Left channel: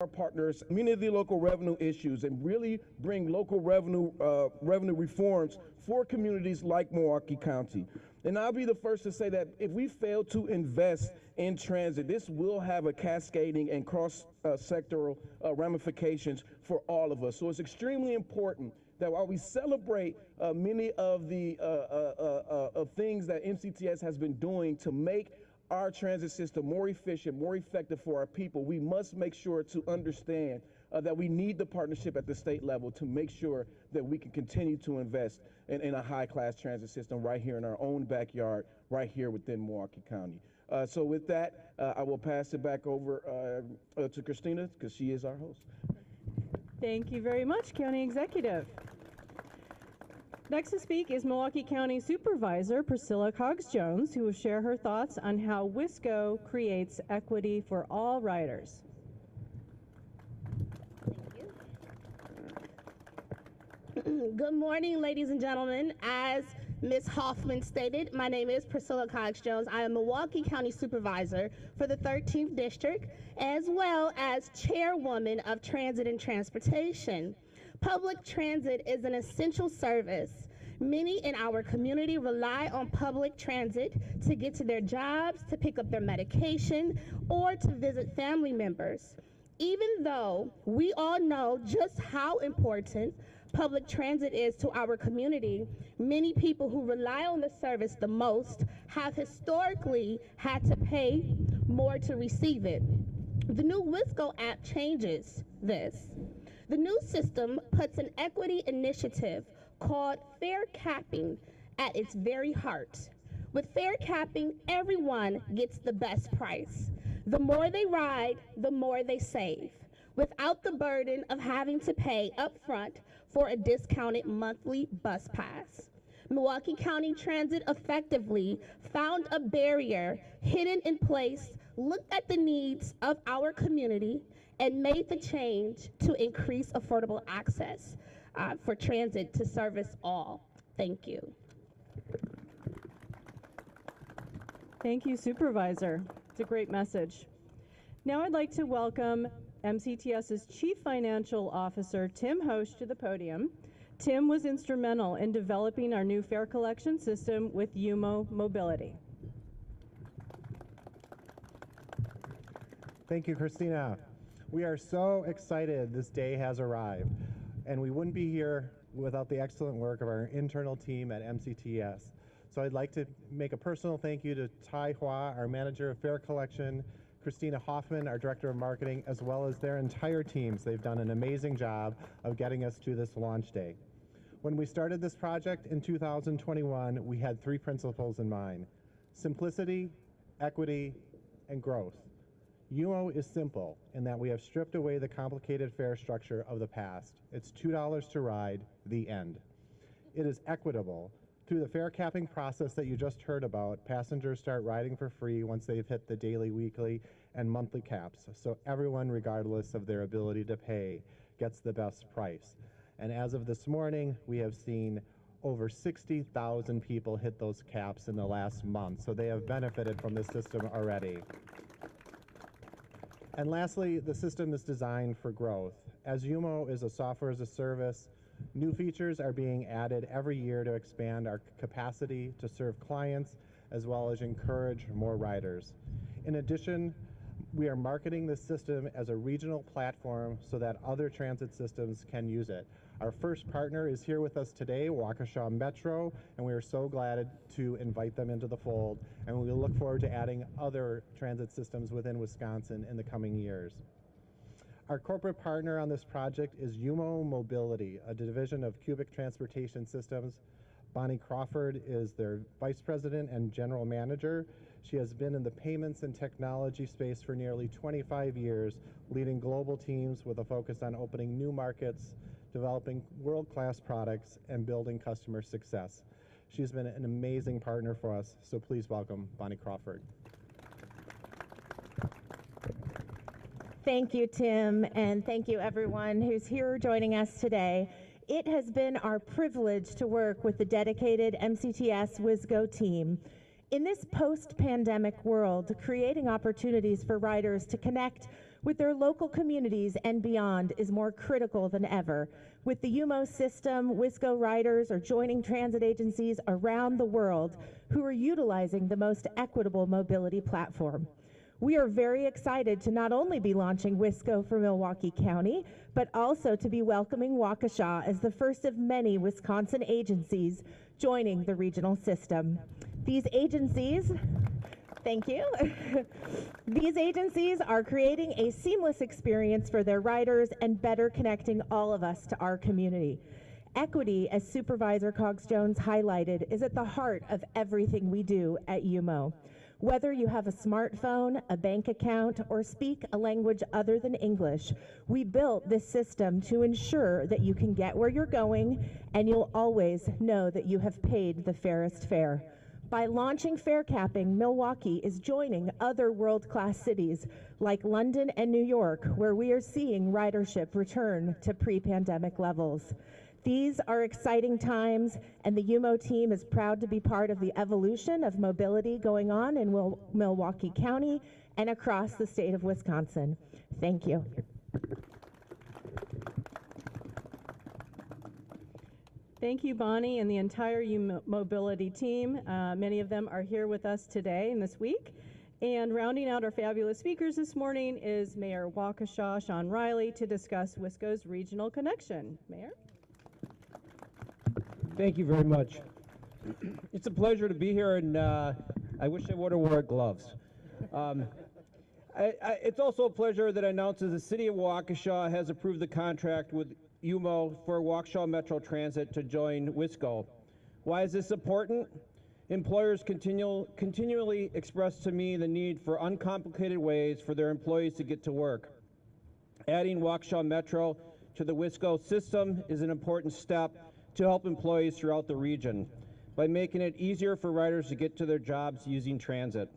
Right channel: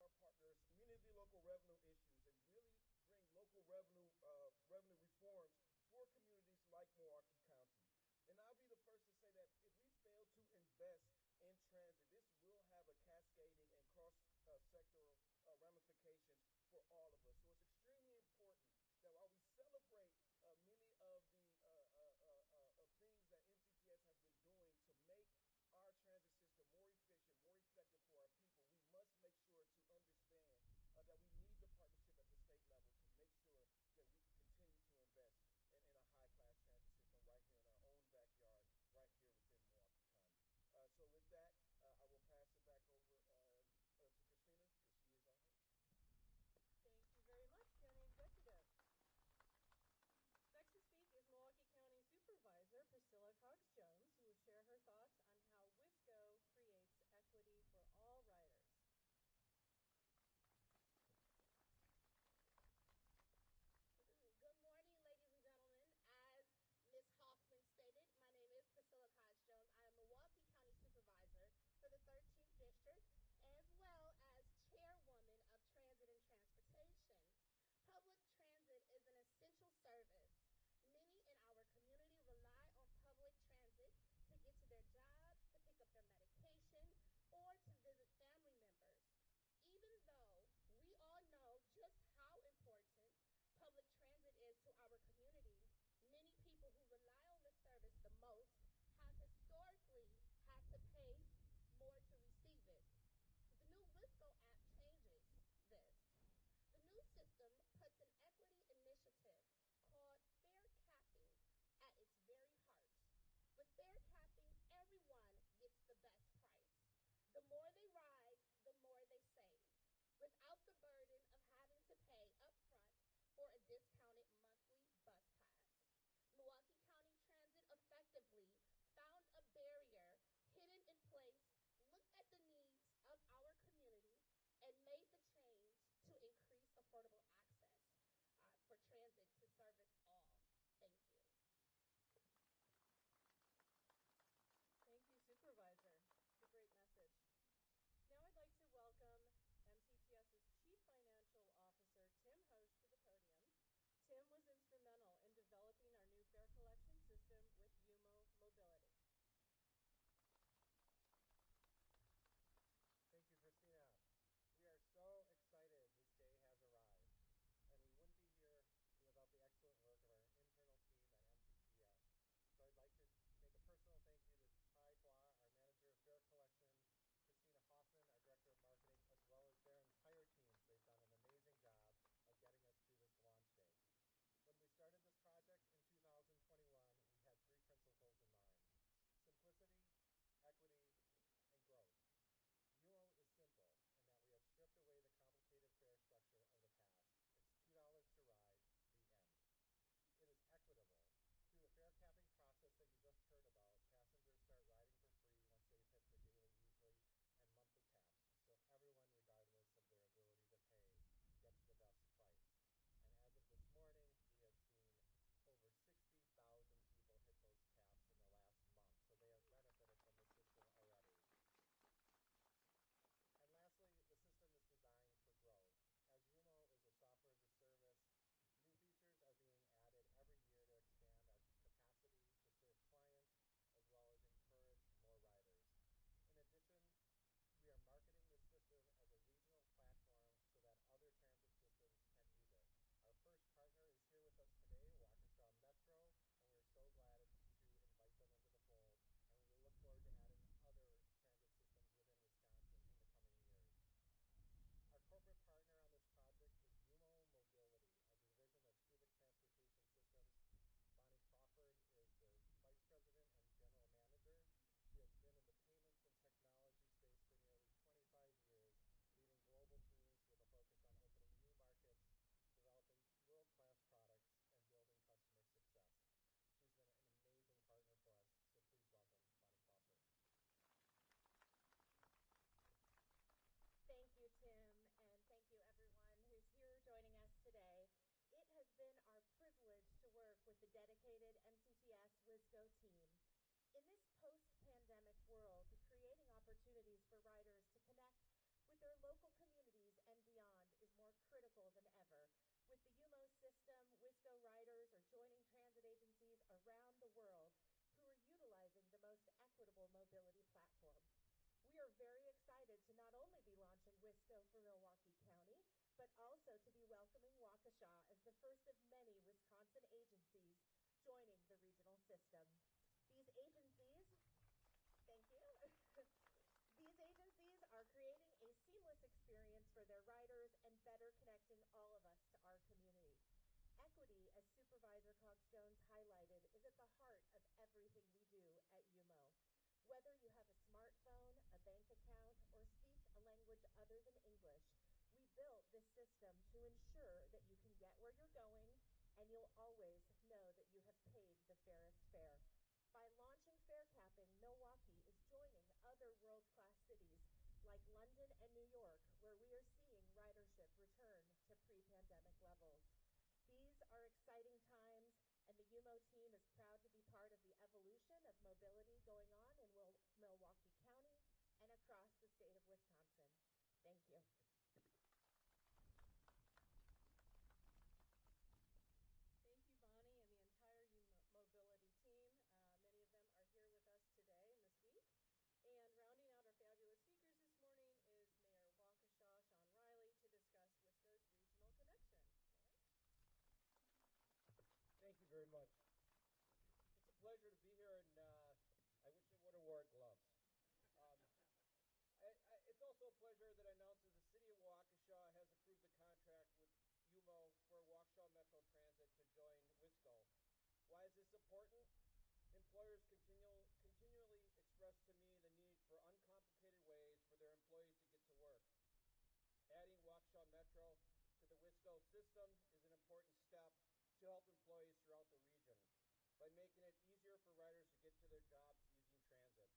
our partners many of the local revenue issues and really bring local revenue reforms for communities like Milwaukee County. And I'll be the first to say that if we fail to invest in transit, this will have a cascading and cross-sectoral ramifications for all of us. So it's extremely important that while we celebrate many of the things that MCTS has been doing to make our transit system more efficient, more effective for our people, we must make sure to understand that we need the partnership at the state level to make sure that we can continue to invest in a high-class transit system right here in our own backyard, right here within Milwaukee County. So with that, I will pass it back over to Christina, because she is our host. Thank you very much, County Executive. Next to speak is Milwaukee County Supervisor Priscilla Cogs-Jones, who will share her thoughts on how WisGo creates equity for all riders. Thank you. Good morning, ladies and gentlemen. As Ms. Hoffman stated, my name is Priscilla Cogs-Jones. I am Milwaukee County Supervisor for the 13th District, as well as Chairwoman of Transit and Transportation. Public transit is an essential service. Many in our community rely on public transit to get to their jobs, to pick up their medication, or to visit family members. Even though we all know just how important public transit is to our community, many people who rely on the service the most have historically had to pay more to receive it. The new WisGo app changes this. The new system puts an equity initiative called fair capping at its very heart. With fair capping, everyone gets the best price. The more they ride, the more they save, without the burden of having to pay upfront for a discounted monthly bus pass. Milwaukee County Transit effectively found a barrier hidden in place, looked at the needs of our community, and made the change to increase affordable access for transit to service all. Thank you. Thank you, Supervisor. It's a great message. Now I'd like to welcome MCTS's Chief Financial Officer, Tim Hosch, to the podium. Tim was instrumental in developing our new fare collection system with UMO Mobility. Thank you, Christina. We are so excited this day has arrived, and we wouldn't be here without the excellent work of our internal team at MCTS. So I'd like to make a personal thank you to Tai Hua, our Manager of Fare Collection, Christina Hoffman, our Director of Marketing, as well as their entire teams. They've done an amazing job of getting us to this launch day. When we started this project in 2021, we had three principles in mind: simplicity, equity, and growth. UMO is simple in that we have stripped away the complicated fare structure of the past. It's $2 to ride, the end. It is equitable. Through the fare capping process that you just heard about, passengers start riding for free once they've hit the daily, weekly, and monthly caps. So everyone, regardless of their ability to pay, gets the best price. And as of this morning, we have seen over 60,000 people hit those caps in the last month. So they have benefited from this system already. And lastly, the system is designed for growth. As UMO is a software as a service, new features are being added every year to expand our capacity to serve clients, as well as encourage more riders. In addition, we are marketing this system as a regional platform so that other transit systems can use it. Our first partner is here with us today, Waukesha Metro, and we are so glad to invite them into the fold, and we look forward to adding other transit systems within Wisconsin in the coming years. Our corporate partner on this project is UMO Mobility, a division of Cubic Transportation Systems. Bonnie Crawford is their Vice President and General Manager. She has been in the payments and technology space for nearly 25 years, leading global teams with a focus on opening new markets, developing world-class products, and building customer success. She's been an amazing partner for us, so please welcome Bonnie Crawford. Thank you, Tim, and thank you everyone who's here joining us today. It has been our privilege to work with the dedicated MCTS WisGo team. In this post-pandemic world, creating opportunities for riders to connect with with their local communities and beyond is more critical than ever. With the UMO system, WisGo riders are joining transit agencies around the world who are utilizing the most equitable mobility platform. We are very excited to not only be launching WisGo for Milwaukee County, but also to be welcoming Waukesha as the first of many Wisconsin agencies joining the regional system. These agencies, thank you. These agencies are creating a seamless experience for their riders and better connecting all of us to our community. Equity, as Supervisor Cox-Jones highlighted, is at the heart of everything we do at UMO. Whether you have a smartphone, a bank account, or speak a language other than English, we built this system to ensure that you can get where you're going and you'll always know that you have paid the fairest fare. By launching fare capping, Milwaukee is joining other world-class cities like London and New York, where we are seeing ridership return to pre-pandemic levels. These are exciting times, and the UMO team is proud to be part of the evolution of mobility going on in Milwaukee County and across the state of Wisconsin. Thank you. Thank you, Bonnie, and the entire mobility team. Many of them are here with us today and this week. And rounding out our fabulous speakers this morning is Mayor Waukesha, Sean Riley, to discuss WisGo's regional connection. Mayor? Thank you very much. It's a pleasure to be here, and I wish I would have wore gloves. It's also a pleasure that announces the City of Waukesha has approved the contract with UMO for Waukesha Metro Transit to join WisGo. Why is this important? Employers continually express to me the need for uncomplicated ways for their employees to get to work. Adding Waukesha Metro to the WisGo system is an important step to help employees throughout the region by making it easier for riders to get to their jobs using transit.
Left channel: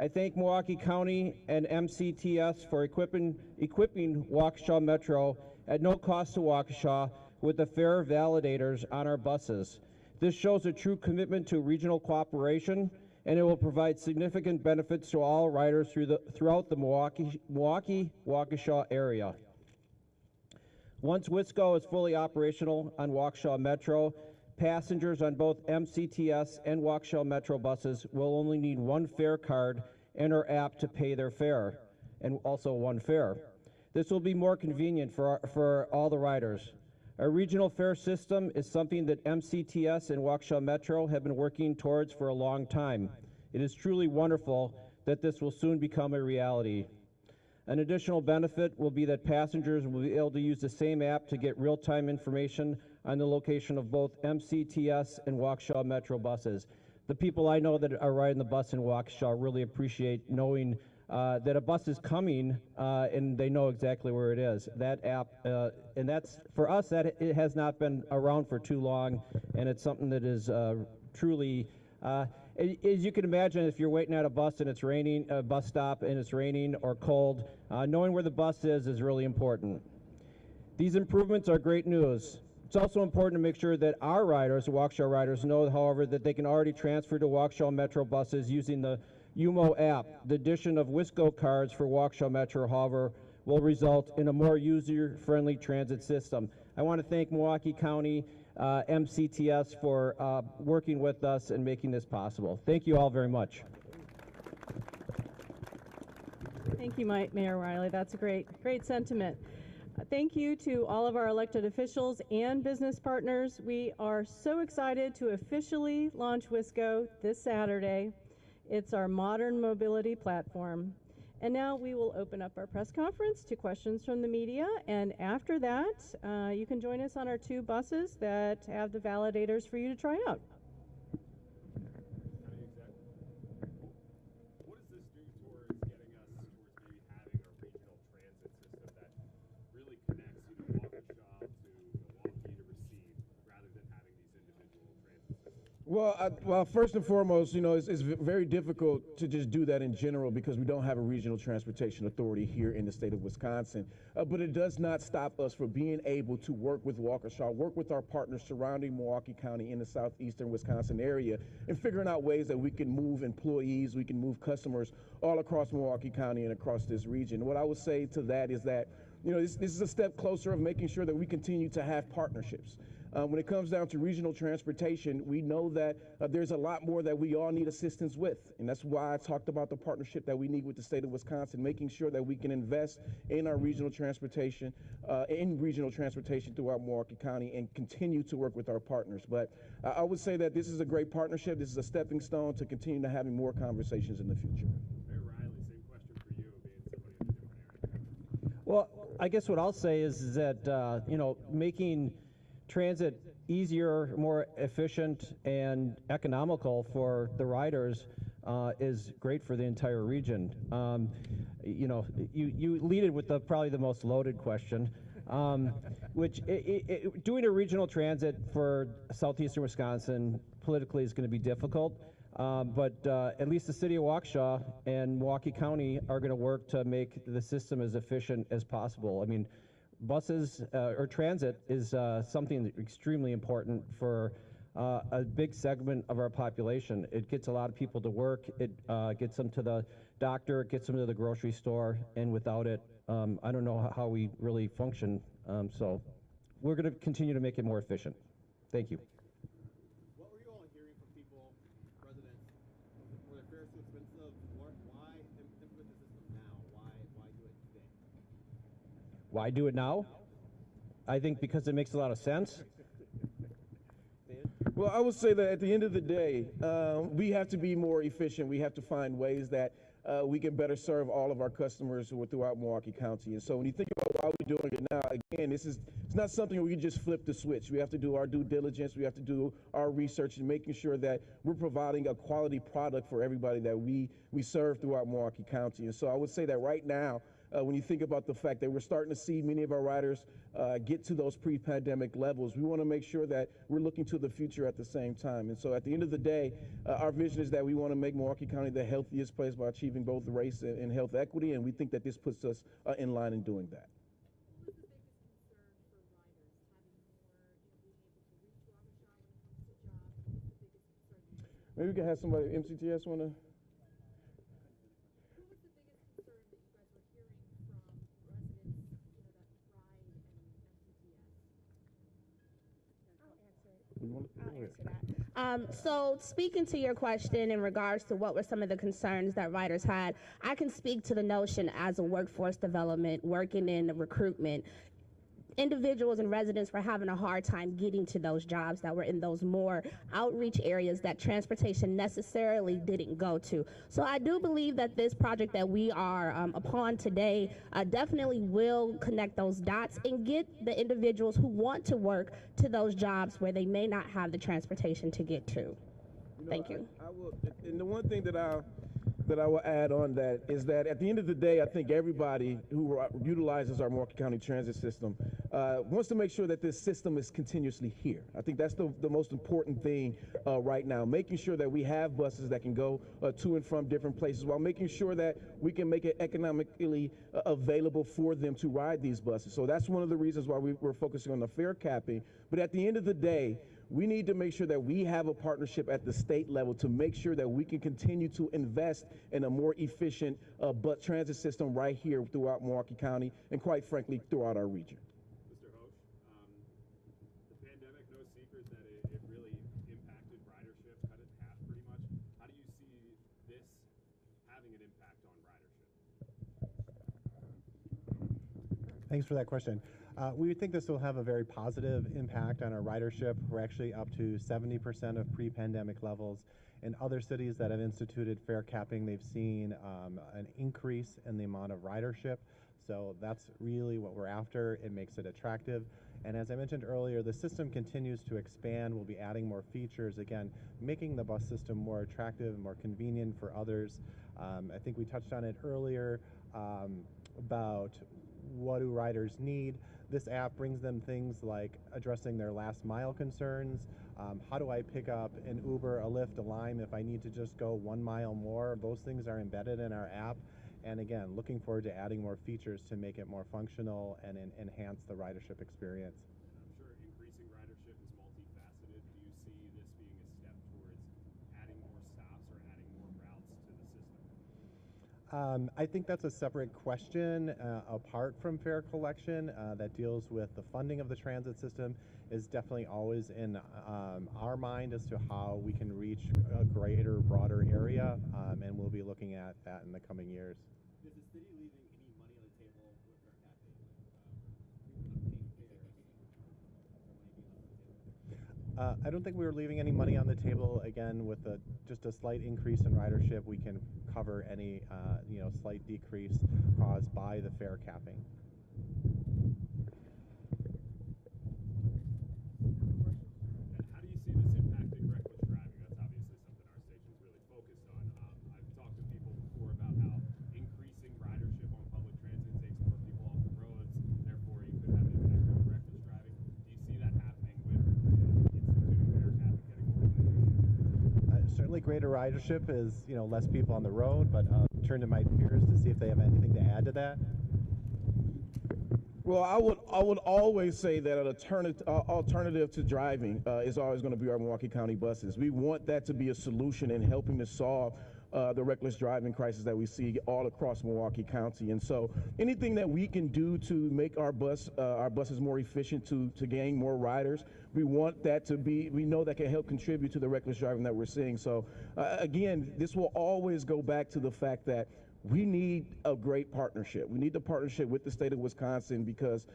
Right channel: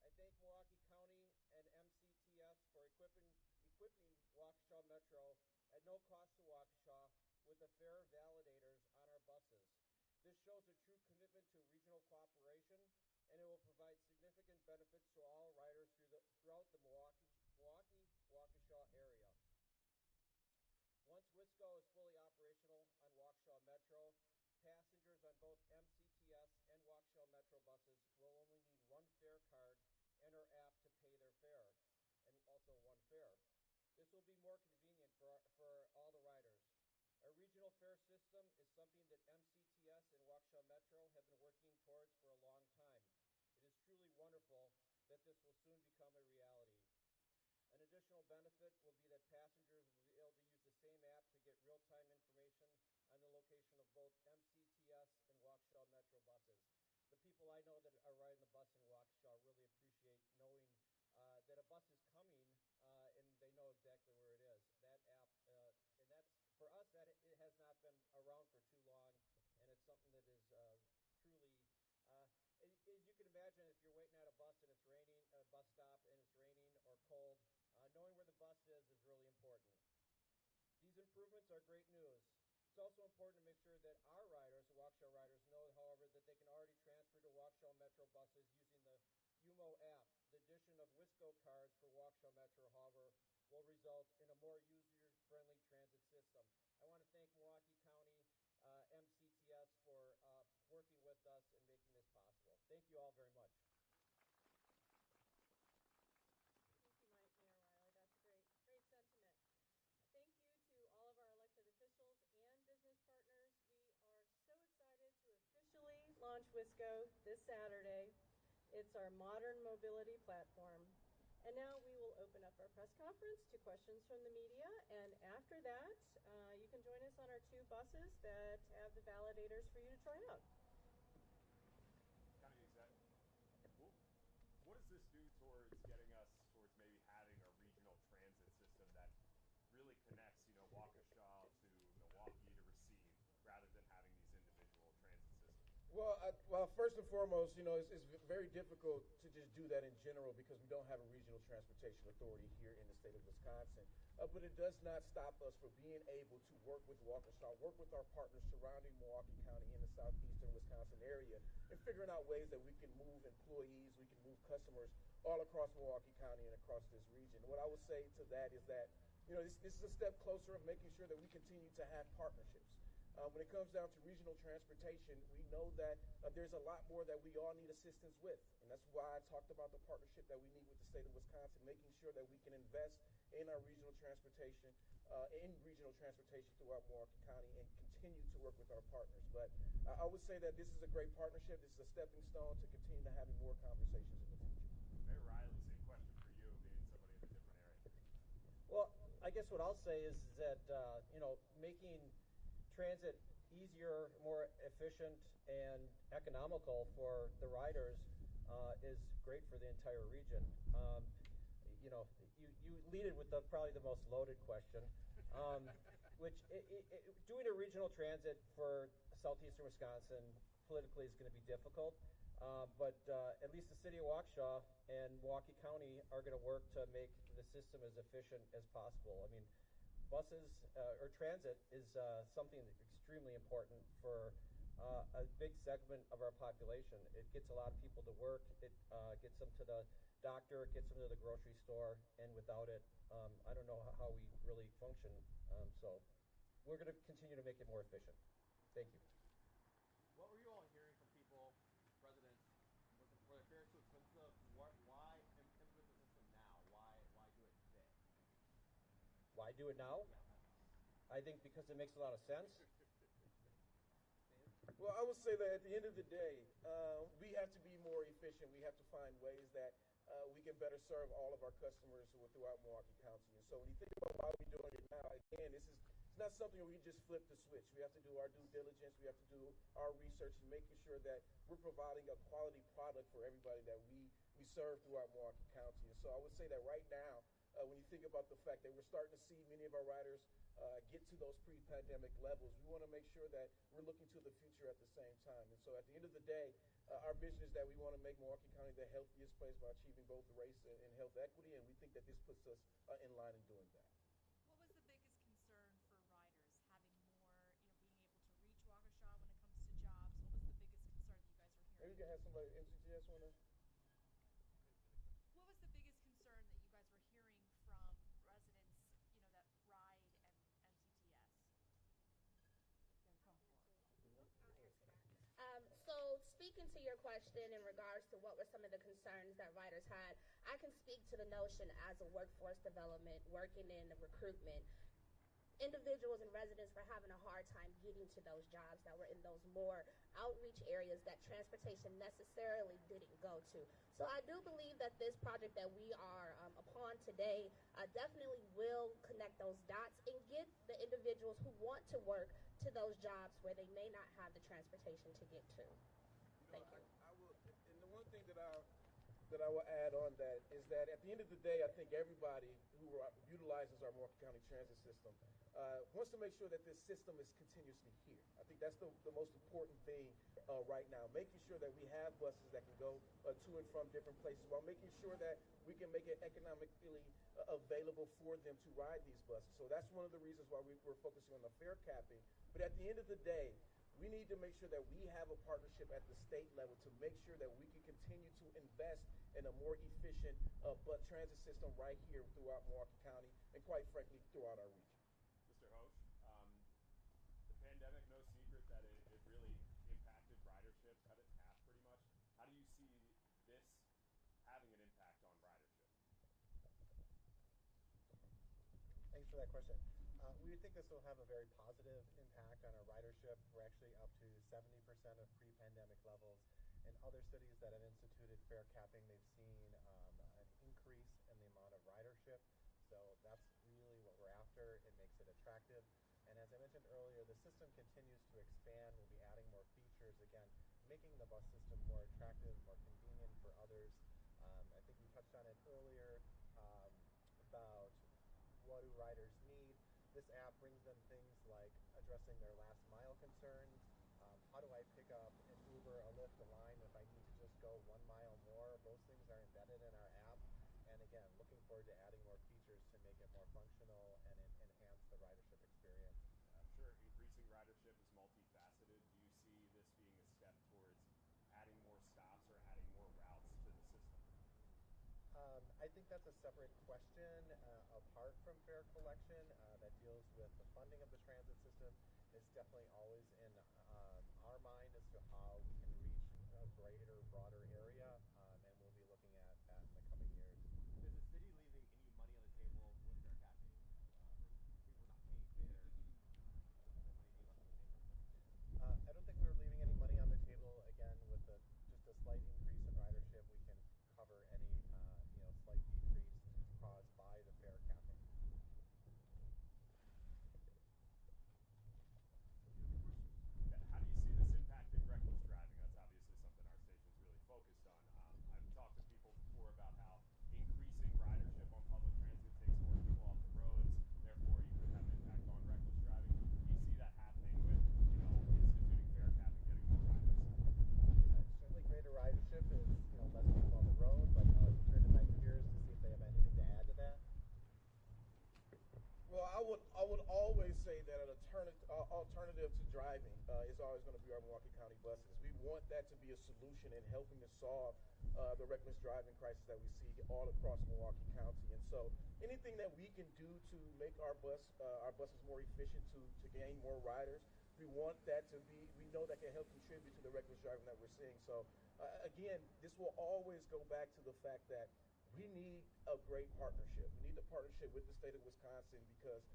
I thank Milwaukee County and MCTS for equipping Waukesha Metro at no cost to Waukesha with the fare validators on our buses. This shows a true commitment to regional cooperation, and it will provide significant benefits to all riders throughout the Milwaukee-Waukesha area. Once WisGo is fully operational on Waukesha Metro, passengers on both MCTS and Waukesha Metro buses will only need one fare card and our app to pay their fare, and also one fare. This will be more convenient for all the riders. Our regional fare system is something that MCTS and Waukesha Metro have been working towards for a long time. It is truly wonderful that this will soon become a reality. An additional benefit will be that passengers will be able to use the same app to get real-time information on the location of both MCTS and Waukesha Metro buses. The people I know that are riding the bus in Waukesha really appreciate knowing that a bus is coming and they know exactly where it is. That app, and that's, for us, that it has not been around for too long, and it's something that is truly, as you can imagine, if you're waiting at a bus and it's raining, a bus stop and it's raining or cold, knowing where the bus is really important. These improvements are great news. It's also important to make sure that our riders, Waukesha riders, know, however, that they can already transfer to Waukesha Metro buses using the UMO app. The addition of WisGo cards for Waukesha Metro, however, will result in a more user-friendly transit system. I want to thank Milwaukee County MCTS for working with us and making this possible. Thank you all very much. Thank you, Mayor Riley. That's a great sentiment. Thank you to all of our elected officials and business partners. We are so excited to officially launch WisGo this Saturday. It's our modern mobility platform. And now we will open up our press conference to questions from the media. And after that, you can join us on our 2 buses that have the validators for you to try out. What is this geared towards getting us towards maybe having a regional transit system that really connects, Waukesha to Milwaukee to receive, rather than having these individual transit systems? Well, first and foremost, it's very difficult to just do that in general because we don't have a regional transportation authority here in the state of Wisconsin. But it does not stop us from being able to work with Waukesha, work with our partners surrounding Milwaukee County in the southeastern Wisconsin area, and figuring out ways that we can move employees, we can move customers all across Milwaukee County and across this region. What I would say to that is that, this is a step closer of making sure that we continue to have partnerships. When it comes down to regional transportation, we know that there's a lot more that we all need assistance with. And that's why I talked about the partnership that we need with the state of Wisconsin, making sure that we can invest in our regional transportation, throughout Milwaukee County and continue to work with our partners. But I would say that this is a great partnership. This is a stepping stone to continue to having more conversations in the future. Hey, Riley, same question for you, being somebody in a different area. Well, I guess what I'll say is that, making transit easier, more efficient, and economical for the riders is great for the entire region. You lead it with probably the most loaded question, which doing a regional transit for southeastern Wisconsin politically is going to be difficult. But at least the city of Waukesha and Milwaukee County are going to work to make the system as efficient as possible. I mean, buses or transit is something extremely important for a big segment of our population. It gets a lot of people to work. It gets them to the doctor. It gets them to the grocery store. And without it, I don't know how we really function. So we're going to continue to make it more efficient. Thank you. What were you all hearing from people, residents? Were their fares too expensive? Why implement the system now? Why do it today? Why do it now? I think because it makes a lot of sense. Well, I would say that at the end of the day, we have to be more efficient. We have to find ways that we can better serve all of our customers who are throughout Milwaukee County. And so when you think about why we're doing it now, again, it's not something where we can just flip the switch. We have to do our due diligence. We have to do our research and making sure that we're providing a quality product for everybody that we serve throughout Milwaukee County. And so I would say that right now, when you think about the fact that we're starting to see many of our riders get to those pre-pandemic levels, we want to make sure that we're looking to the future at the same time. And so at the end of the day, our vision is that we want to make Milwaukee County the healthiest place by achieving both race and health equity, and we think that this puts us in line in doing that. What was the biggest concern for riders, having more, being able to reach Waukesha when it comes to jobs? What was the biggest concern you guys were? Maybe we can have somebody, MCTS, want to? What was the biggest concern that you guys were hearing from residents, that ride and MCTS? I'll answer that. So speaking to your question in regards to what were some of the concerns that riders had, I can speak to the notion as a workforce development, working in recruitment. Individuals and residents were having a hard time getting to those jobs that were in those more outreach areas that transportation necessarily didn't go to. So I do believe that this project that we are upon today definitely will connect those dots and get the individuals who want to work to those jobs where they may not have the transportation to get to. Thank you. I will, and the one thing that I will add on that is that at the end of the day, I think everybody who utilizes our Milwaukee County transit system wants to make sure that this system is continuously here. I think that's the most important thing right now, making sure that we have buses that can go to and from different places while making sure that we can make it economically available for them to ride these buses. So that's one of the reasons why we're focusing on the fare capping. But at the end of the day, we need to make sure that we have a partnership at the state level to make sure that we can continue to invest in a more efficient bus transit system right here throughout Milwaukee County and, quite frankly, throughout our region. Mr. Hosch, the pandemic, no secret that it really impacted ridership, cut it in half pretty much. How do you see this having an impact on ridership? Thanks for that question. We think this will have a very positive impact on our ridership. We're actually up to 70% of pre-pandemic levels. In other cities that have instituted fare capping, they've seen an increase in the amount of ridership. So that's really what we're after. It makes it attractive. And as I mentioned earlier, the system continues to expand. We'll be adding more features, again, making the bus system more attractive, more convenient for others. I think we touched on it earlier about what do riders need. This app brings them things like addressing their last mile concerns How do I pick up an Uber, a Lyft, a Lime if I need to just go 1 mile more? Those things are embedded in our app. And again, looking forward to adding more features to make it more functional and enhance the ridership experience. I'm sure increasing ridership is multifaceted. Do you see this being a step towards adding more stops or adding more routes to the system? I think that's a separate question apart from fare collection that deals with the funding of the transit system is definitely always in our mind as to how we can reach a greater, broader area, and we'll be looking at that in the coming years. Is the city leaving any money on the table with their cafe? People not paying fares. I don't think we were leaving any money on the table. Again, with just a slight increase in ridership, we can cover any slight decrease caused by the fare capping. How do you see this impacting reckless driving? That's obviously something our station's really focused on. I've talked to people before about how increasing ridership on public transit takes more people off the roads, therefore you could have an impact on reckless driving. Do you see that happening with instituting fare cap and getting more riders? Certainly greater ridership is, less people on the road, but I'll turn to my peers to see if they have anything to add to that. Well, I would always say that an alternative to driving is always going to be our Milwaukee County buses. We want that to be a solution in helping to solve the reckless driving crisis that we see all across Milwaukee County. And so anything that we can do to make our buses more efficient to gain more riders, we want that to be, we know that can help contribute to the reckless driving that we're seeing. So again, this will always go back to the fact that we need a great partnership. We need the partnership with the state of Wisconsin because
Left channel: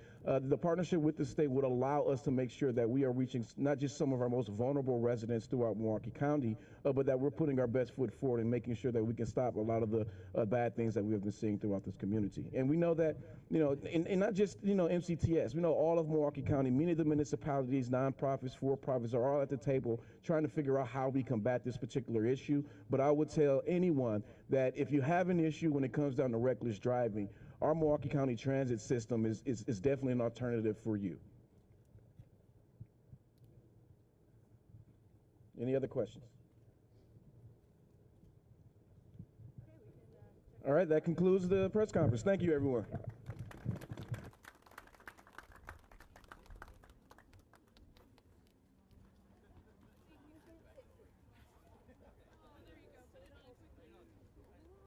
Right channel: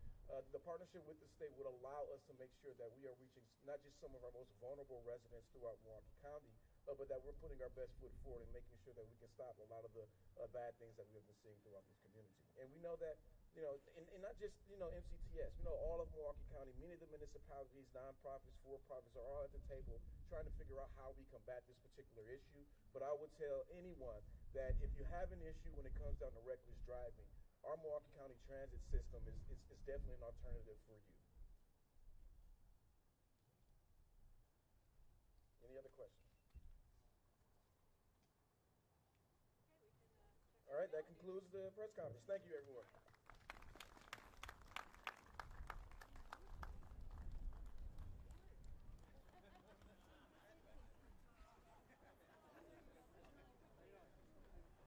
the partnership with the state would allow us to make sure that we are reaching not just some of our most vulnerable residents throughout Milwaukee County, but that we're putting our best foot forward and making sure that we can stop a lot of the bad things that we have been seeing throughout this community. And we know that, and not just, MCTS, we know all of Milwaukee County, many of the municipalities, nonprofits, for-profits are all at the table trying to figure out how we combat this particular issue. But I would tell anyone that if you have an issue when it comes down to reckless driving, our Milwaukee County transit system is definitely an alternative for you. Any other questions? All right, that concludes the press conference. Thank you, everyone.